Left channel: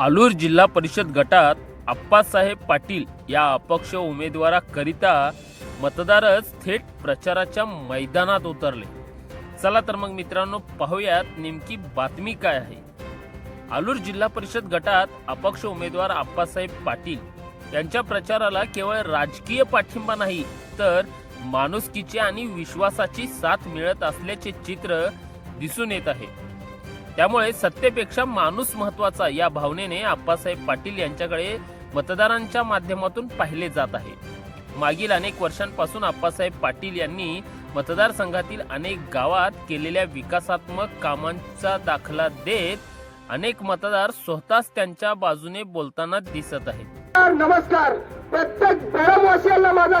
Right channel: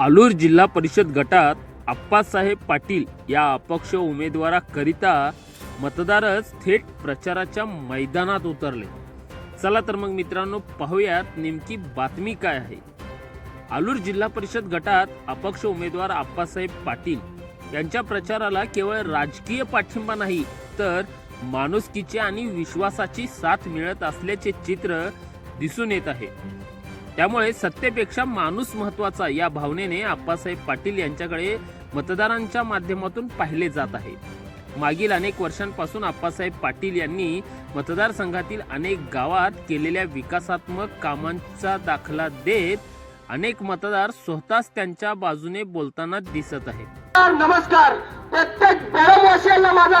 आलूर जिल्हा परिषद गटात आप्पासाहेब पाटील या अपक्ष उमेदवाराकरिता मतदारच थेट प्रचाराच्या मैदानात उतरले. चला तर मग मित्रांनो पाहूयात नेमकी बातमी काय आहे. आलूर जिल्हा परिषद गटात अपक्ष उमेदवार आप्पासाहेब पाटील यांच्या प्रचाराला केवळ राजकीय पाठिंबा नाही तर माणुसकीची आणि विश्वासाची साथ मिळत असल्याचे चित्र दिसून येत आहे. त्यामुळे सत्तेपेक्षा माणूस महत्त्वाचा या भावनेने आप्पासाहेब पाटील यांच्याकडे मतदारांच्या माध्यमातून पाहिले जात आहे. मागील अनेक वर्षांपासून आप्पासाहेब पाटील यांनी मतदारसंघातील अनेक गावात केलेल्या विकासात्मक कामांचा दाखला देत अनेक मतदार स्वतःच त्यांच्या बाजूने बोलताना दिसत आहेत. नमस्कार. प्रत्येक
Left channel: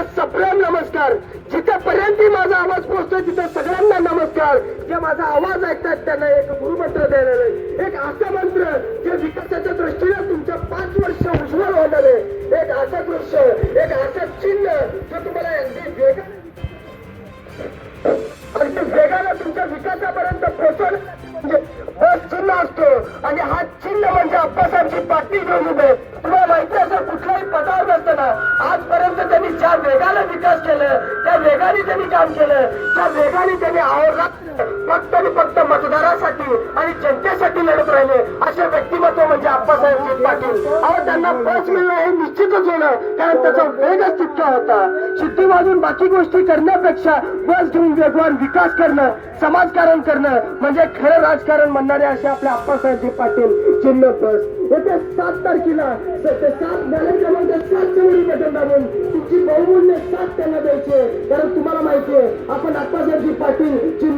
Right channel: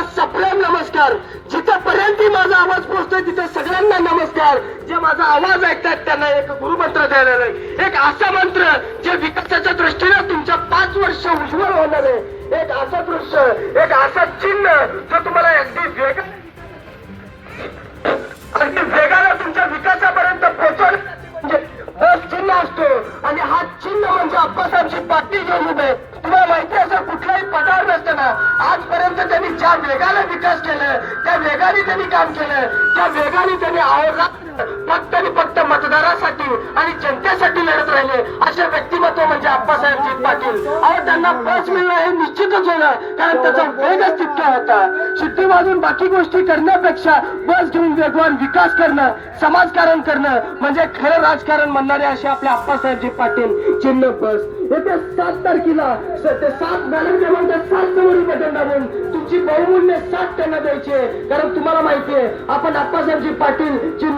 बेळमवासियांना माझा सप्रेम नमस्कार. जिथेपर्यंत माझा आवाज पोहोचतोय तिथे सगळ्यांना नमस्कार. जे माझा आवाज ऐकतात त्यांना एक गुरुमंत्र द्यायला नाही एक असा मंत्र जे विकासाच्या दृष्टीने तुमच्या पाच वर्ष उज्ज्वल होणार आहे. एक असं दृश्य एक असं चिन्ह जो तुम्हाला अगदी वेग अगदी वेगाने तुमच्या विकासापर्यंत पोहोचवलं. म्हणजे चिन्ह असतो. आणि हा चिन्ह म्हणजे अप्पासाहेबची पाठी घेऊन उभे तुम्हाला माहिती असेल कुठल्याही ना? आजपर्यंत त्यांनी ज्या वेगाला विकास केलं वेगाने त्यांनी काम केलं त्या वेगाने त्यांनी आयोगात फक्त आणि फक्त मतदारासाठी आणि जनतेसाठी लढत राहिले. असे व्यक्तिमत्व म्हणजे आप्पासाहेबजी पाटील. अहो त्यांना बस मिळणं हे निश्चितच होणं कारण त्याचा वेगच तितका होता. शुद्धी वाजून बाकी गोष्टी करण्यापेक्षा बस घेऊन वेगवान विकास करणं समाजकारण करणं म्हणजे खरं राजकारण म्हणणारे असे आपले आप्पासाहेबजी पाटील. चिन्ह बस. येत्या सात तारखेला सात बॅलट क्रमांक सात समोरील बटन दाबून तुमची बहुमूल्य साथ त्यांना द्यायची आहे. कारण तुम्हाला माहिती आहे आपण अप्पासाहेबजी पाटील चिन्ह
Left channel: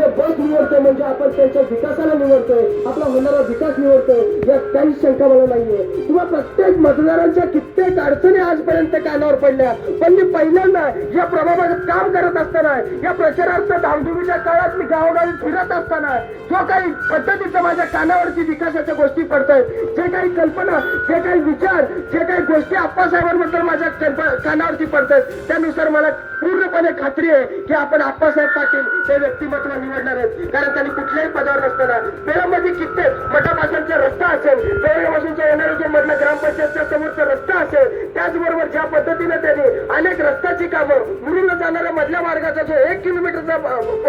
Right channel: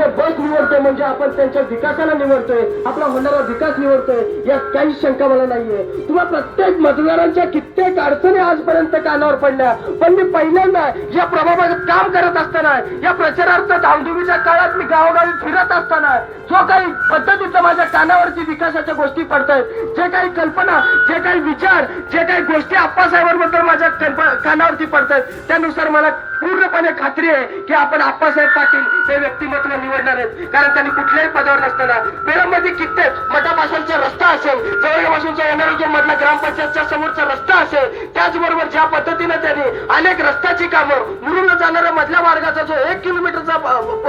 निवडतोय म्हणजे आपण त्यांच्या विकासाला निवडतोय आपला होणारा विकास निवडतोय यात काही शंका मला नाहीये. किंवा प्रत्येक मतदारांच्या कित्येक अडचणी आजपर्यंत कानावर पडल्या. पण मी पहिल्यांदा या प्रभागात काम करत असताना या प्रचारार्थ धामधुमीच्या काळात मी गावोगावी फिरत असताना जो काही पद्धतीचं माझ्या कानावरती विकासाच्या गोष्टी पडतायत जे काही कल्पना जे काही विचार जे काही गोष्टी आप्पासाहेबांबद्दल माझ्या कल्प- कानावरती पडतायत त्यानुसार मला पूर्णपणे खात्री आहे की आपण आप्पासाहेब पाटील हे व्यक्तिमत्व निवडणार आहेत. कारण त्यांनी कुठल्याही पदावर नसताना बेळमध्ये कित्येक मठापासूनचा रस्ता असेल जवळपासूनचा येणारा जो मधला ग्रामपंचायतच्या समोरचा रस्ता असेल त्याचबरोबर ज्या पद्धतीने त्यांनी अनेक रस्त्याची कामं मुरुंड जाणाऱ्या मधल्या मार्गाचा जो एक किलोमीटरचा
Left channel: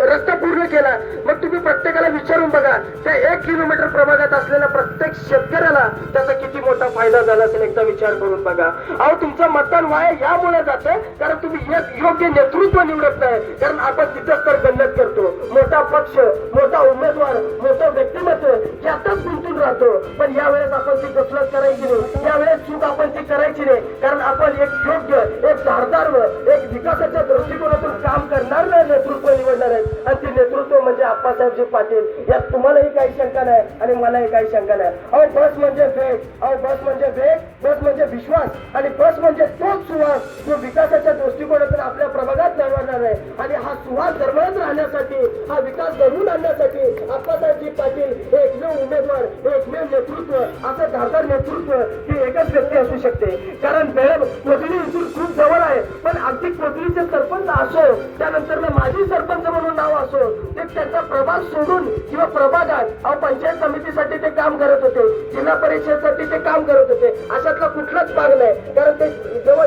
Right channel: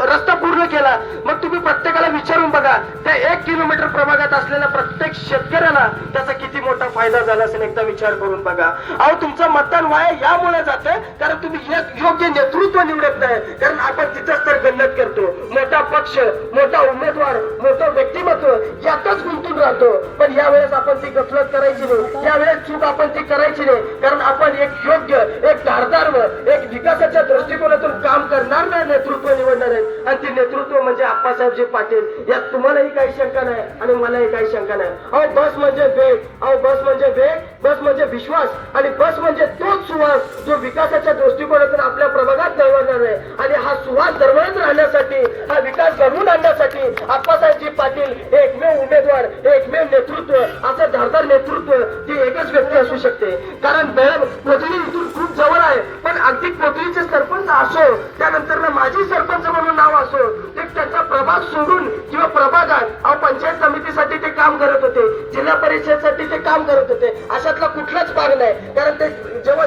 रस्ता पूर्ण केला मग तुम्ही प्रत्येकाला विचारून बघा त्या एक किलोमीटर प्रभागात असलेल्या प्रत्येक शेतकऱ्याला त्याचा किती मोठा फायदा झाला असेल एकदा विचार करून बघा. अहो तुमचं मतदान वाया यामुळे जाते कारण तुम्ही योग्य नेतृत्व निवडत नाही कारण आपण तिथंच तर गल्लत करतो. मोठा पक्ष मोठा उमेदवार मोठं व्यक्तिमत्व यातच गुंतून राहतो. पण यावेळेस आपण ती गफलत करायची नाही. यावेळेस चूक आपण ती करायची नाही. कारण आपण एक योग्य एक धारदार एक विकासाच्या दृष्टिकोनातून काम करणार नाही नेतृत्व निवडणार आहे आणि ते नेतृत्व म्हणजे आप्पासाहेबजी पाटील. यात तुम्हालाही काही शंका नाही आणि मलाही काही शंका नाही. अहो बस म्हणजे वेग. अहो बस म्हणजे वेग बस म्हणजे विश्वास आणि बस म्हणजे तोच सुवास जो विकासाच्या दृष्टिकोनातून आपल्या प्रभागात दळवणार आहे आणि हा सुवास दरवळत राहण्यासाठी हा विकास घडवून आणण्यासाठी आप्पासाहेबजी पाटील एकमेव उमेदवार एकमेव नेतृत्व असं धारदार नेतृत्व ती एकच व्यक्ती असू शकते. कारण बेळम पृथ्वी इथून खूप जवळ आहे. पण अगदी पृथ्वीचे सरपंच असो त्यानंतर माझी सरपंच म्हणून नाव असो ते त्याचा प्रभाग सोडून किंवा प्रभागात अहो पंचायत समितीसाठी ते काम करत होते. जिल्हा परिषदसाठी ते काम करत होते. अशातला कुठलाच भाग नाही. कारण ते जेव्हा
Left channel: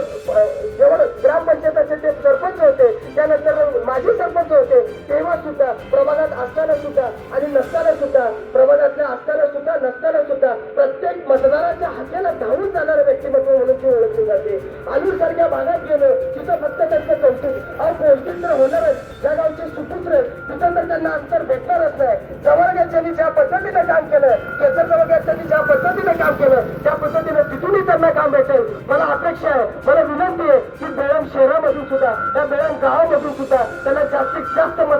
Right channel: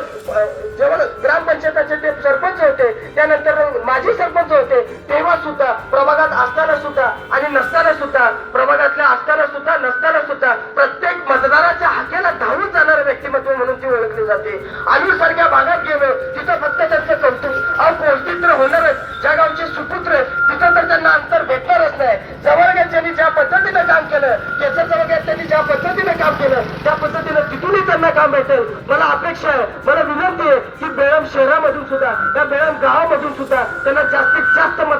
जेव्हा ग्रामपंचायताचे ते सरपंच होते त्यानंतर माझी सरपंच होते तेव्हा सुद्धा प्रभागात असताना सुद्धा आणि नसताना सुद्धा प्रभागातल्या असताना सुद्धा नसताना सुद्धा प्रत्येक मतदाराच्या हाकेला धावून जाणारं व्यक्तिमत्व म्हणून ती ओळखली जाते आम्ही सारख्या भागात गेलो. तिथं फक्त त्यांचं कौतुक. अहो तर होणारच. ज्या गावचे सुपुत्र तिथं तर त्यांना अंतर भेटणारच नाही. जवळग्यांनी ज्या पद्धतीनं काम केलं केसर त्यांनी ज्या पद्धतीने काम केलं त्या पद्धतीनं तिथूनही त्यांना काम भेटेल. मला अपेक्षा आहे मला विनंती आहे की बेळम शहरामधून सुद्धा या बेळम गावामधून सुद्धा त्यांना जास्तीत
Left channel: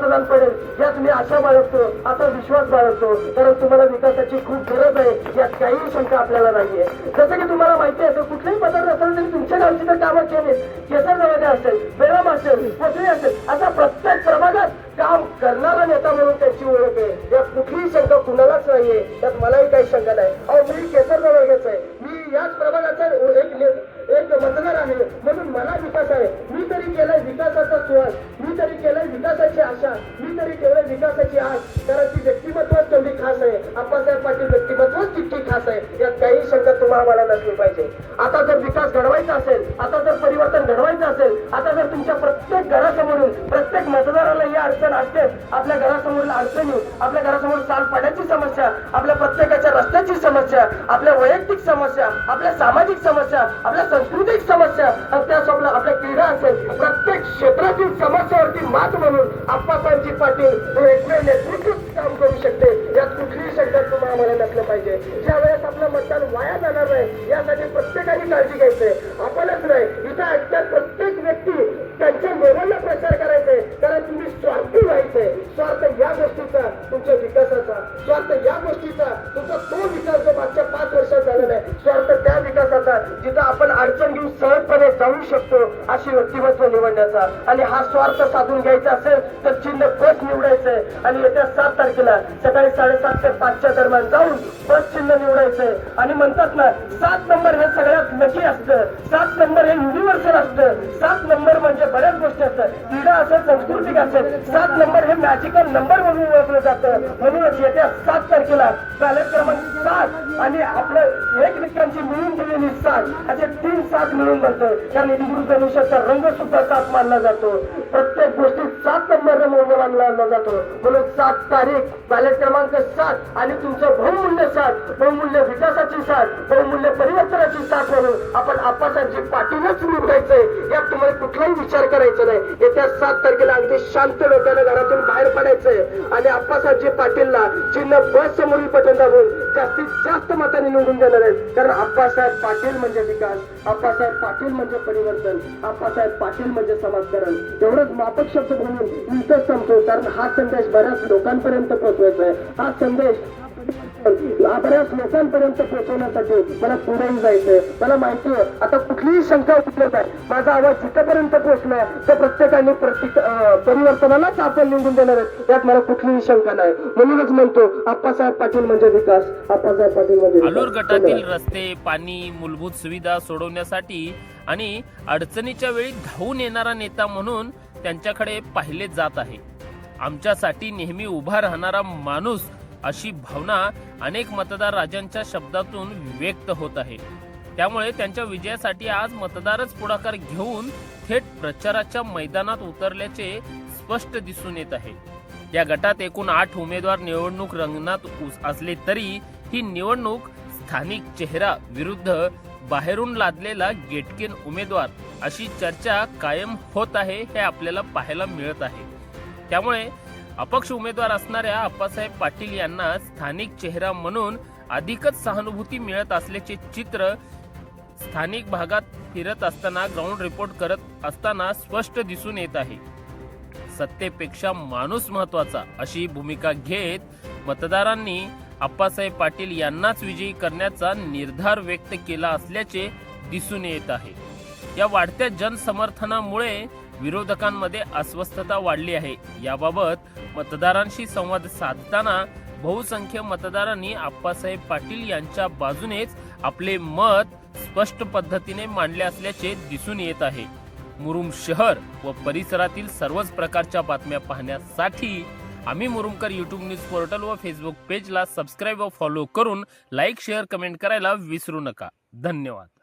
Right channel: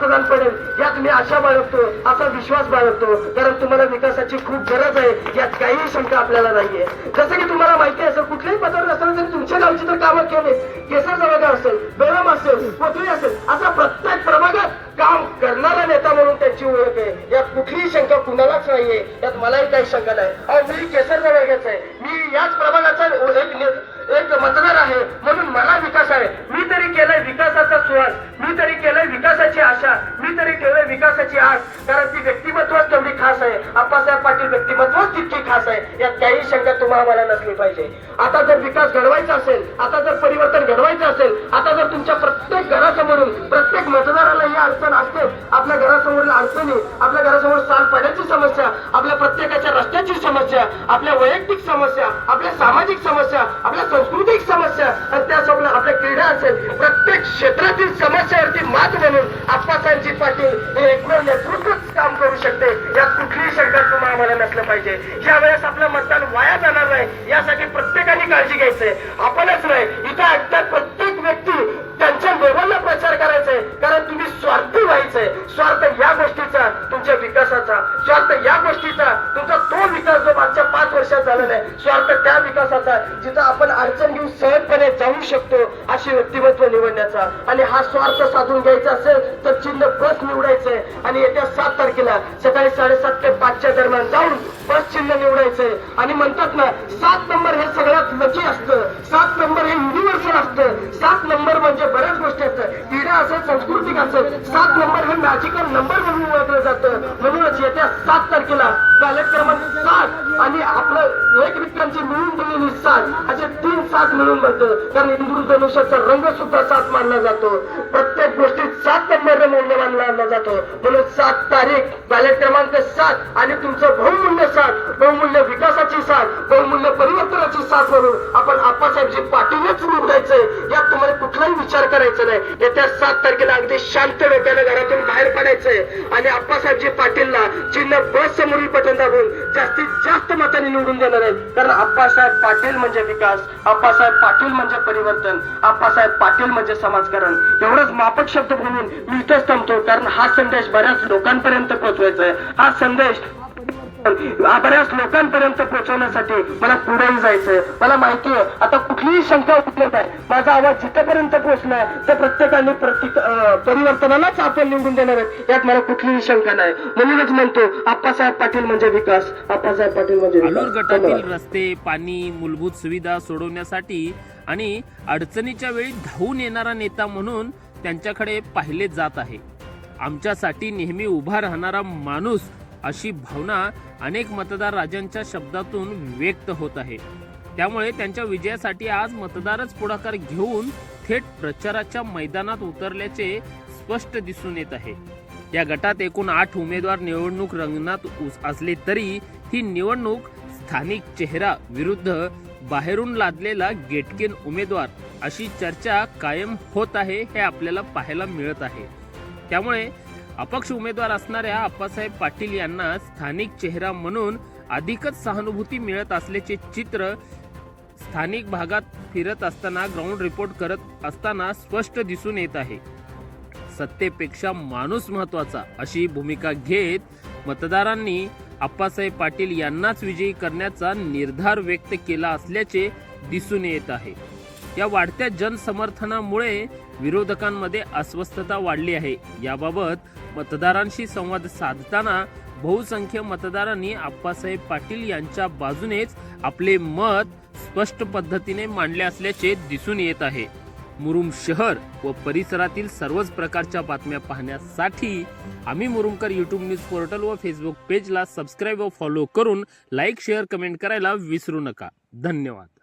जास्त मतदान पडेल यात मी आशा बाळगतो असा विश्वास बाळगतो. कारण तुम्हाला विकासाची खूप गरज आहे यात काहीही शंका आपल्याला नाहीये. जसं की तुम्हाला माहिती असेल कुठल्याही पदावर असेल तरी तुमच्या गावची तर कामं केली केसर जवळ असेल बेळम असेल कोथळी असेल असा प्रत्येक प्रभागात काम करणारा नेता म्हणून त्याची ओळख आहे. यात कुठलीही शंका कुणालाच नाहीये. यात मलाही काही शंका नाही. मी केसर जवळच आहे. मी याच प्रभागाचा एक एक मतदार आहे म्हणून मला विकास आहे मी तरी केलाय विकासाचा सुवास मी तरी केलंय विकासाची आशा. मी तरी ठेवलंय विकासाची आस. कारण ती व्यक्तिमत्वच तेवढी खास आहे. आप्पासाहेब पाटील व्यक्तिमत्वच तितकी खास आहे. यात काही शंका तुम्हाला मला नसली पाहिजे. आता जर विकास घडवायचा असेल आता जर परिवर्तन घडवायचं असेल आता जर तुमच्या प्रत्येक घरासमोरून प्रत्येक मतदाराला ही अडचण असते आपल्या घरासमोरील अडचणी आपल्या घरासमोर साल पाण्याची समस्या आपल्या प्रत्येक रस्त्याची समस्या आपल्या वैयक्तिक समस्या आपल्या सामाजिक समस्या आपल्या सांस्कृतिक समस्या आणि त्यासोबत आपल्या क्रीडा असेल प्रत्येक क्षेत्रातील समस्यावरती मात म्हणून आप्पासाहेबजी पाटील हे एकमेव नेतृत्वच काम करू शकते. यात कुठलीही शंका तुम्हाला मला नसलं पाहिजे. ज्या वेळेस आपलं मतदान वाया जाणार नाही यासाठी प्रत्येकाने काळजी घ्यायचंय आपणच नाही इथं ऐकतात प्रत्येक व्यक्ती त्यांच्या लेवलला प्रचार करायचंय. कारण तुम्ही स्वार्थी व्हायचंय. स्वार्थ या गोष्टीचा स्वार्थ या गोष्टीचा तुमचा तो विकास जो मागच्या पाच वर्षात झालेला आहे स्वार्थ त्या विकासाचा जिथं आपण अडचण घेऊन सहजपणे जाऊ शकतो अशी व्यक्तिमत्व निवडण्याचा. आणि हा स्वार्थ साधून घ्यायचा असेल तर चिन्ह बस निवडायचंय आणि येत्या सात तारखेला सकाळी साडेसात ते पाचच्या दरम्यान जाऊन बस चिन्ह निवडायचंय आणि म्हणतात ना सात नंबर हे सगळ्यात लकी असतं. सात नंबर हे युनिव्हर्सल असतं. सात नंबर म्हणजे बऱ्याच गोष्टी असतात. क्रीडा असेल सांस्कृतिक असेल सात नंबर हे मॅजिकल नंबर म्हणून ओळखलं जातं. म्हणूनच येत्या सात तारखेला बॅलेट क्रमांक सात आणि आपलं एकमेकांची मिळून दिलेली सात असे तीन सात मिळून बनतं. कारण इंद्रधनुष्याचा रंग सुद्धा सात मानला जातो. प्रत्येक गोष्टीत सात नंबर मूल्य मानला जातो. म्हणून सात तारीख बॅलेट क्रमांक सात आणि तुमचं बहुमूल्य सात बहुमूल्य विकासाची साथ बहुमूल्य परिवर्तनाची साथ म्हणून आपण आपण आप्पासाहेबजी पाठीवरच निवडायचंय यात तुम्हाला कुठलाही विचार करायचा नाही. येत्या सात तारखेला अगदी शांत डोक्याने घरातून बाहेर पडायचंय. आणि आप्पासाहेबजी पाटीलला चिन्ह बस समोरील पटन दाबून जास्तीत जास्त मताने निवडून देणार आहेत. कारण आप्पासाहेब पाटील म्हणजे विकास आप्पासाहेब पाटील म्हणजे परिवर्तन आप्पासाहेब पाटील म्हणजे समाजकारण. एवढंच मापक शब्द बोलून मी इथंच थांबतो. कारण हा संदेश बऱ्याच लोकांपर्यंत पोहोचवायचा आहे. हा संदेश बऱ्याच लोकांपर्यंत पोहोचवण्यासाठी मला पुढेही जायचंय. मला माहिती आहे आता कुठलीही शंका उठत आहे माझा आवाज जिथपर्यंत पोहोचला तर प्रत्येकाने प्रत्येक परिवर्तनालाच आपण निवडून देणार आहेत. यात मला कुठलीही शंका नाही. म्हणूनच म्हणतो आप्पासाहेब पाटील म्हणजे विकास. आप्पासाहेब पाटील म्हणजे. आलूर गटातील. रस्ते पाणी मूलभूत सुविधा सोडवण्यासाठी आणि अडचणीच्या वेळी धावून येणारा नेता म्हणून त्यांच्याकडे पाहिले जात आहे. आमच्यासाठी नेहमी उभा राहणारा माणूस अशी भावना अनेक मतदार राजांच्या शब्दातून व्यक्त होत आहे. त्यामुळे त्यांच्या विजयासाठी आज मतदारच पुढाकार घेऊन थेट प्रचाराच्या मैदानात उतरल्याचे स्पष्ट दिसून येत आहे. या गटात एकूण आठ उमेदवार निवडणूक रंगणात असले तरी ही निवडणूक स्थानिक चेहरा विरुद्ध बाहेरून लादलेला गेटकेन उमेदवार अशी चर्चा कायम होत आहे हे आपल्याला पाहायला मिळत आहे. त्यामुळे अपक्ष उमेदवार असणाऱ्या अप्पासाहेब पाटील यांना स्थानिक चेहरा म्हणून अधिकच सहानुभूती मिळत असल्याचे चित्र स्थानिक भागात फिरत असताना ग्राउंड रिपोर्ट करत असताना स्पष्ट दिसून येत आहे. सत्तेपेक्षा माणूस महत्त्वाचा अशी भूमिका घेत मतदारांनी अप्पासाहेब पाटील यांनाच विजयी करण्याचा निर्धार व्यक्त केला असल्याचे दिसून येत आहे. या वाढत्या जनसमर्थनामुळे विरोधकांमध्ये अस्वस्थता वाढली आहे. याबाबत मतदारांशी संवाद साधताना बहुसंख्य मतदारांनी आप्पासाहेब पाटील यांच्या बाजूनेच आपले मत स्पष्ट पद्धतीने मांडले असल्याचे दिसून येत आहे. मुरुम शहर व परिसरातील सर्वच प्रकारच्या बातम्या पाहण्यासाठी आम्ही मुरुमकर यूट्यूब न्यूज पोर्टल व फेसबुक पेजला सबस्क्राईब व फॉलो करून लाईक शेअर कमेंट करायला विसरू नका. धन्यवाद.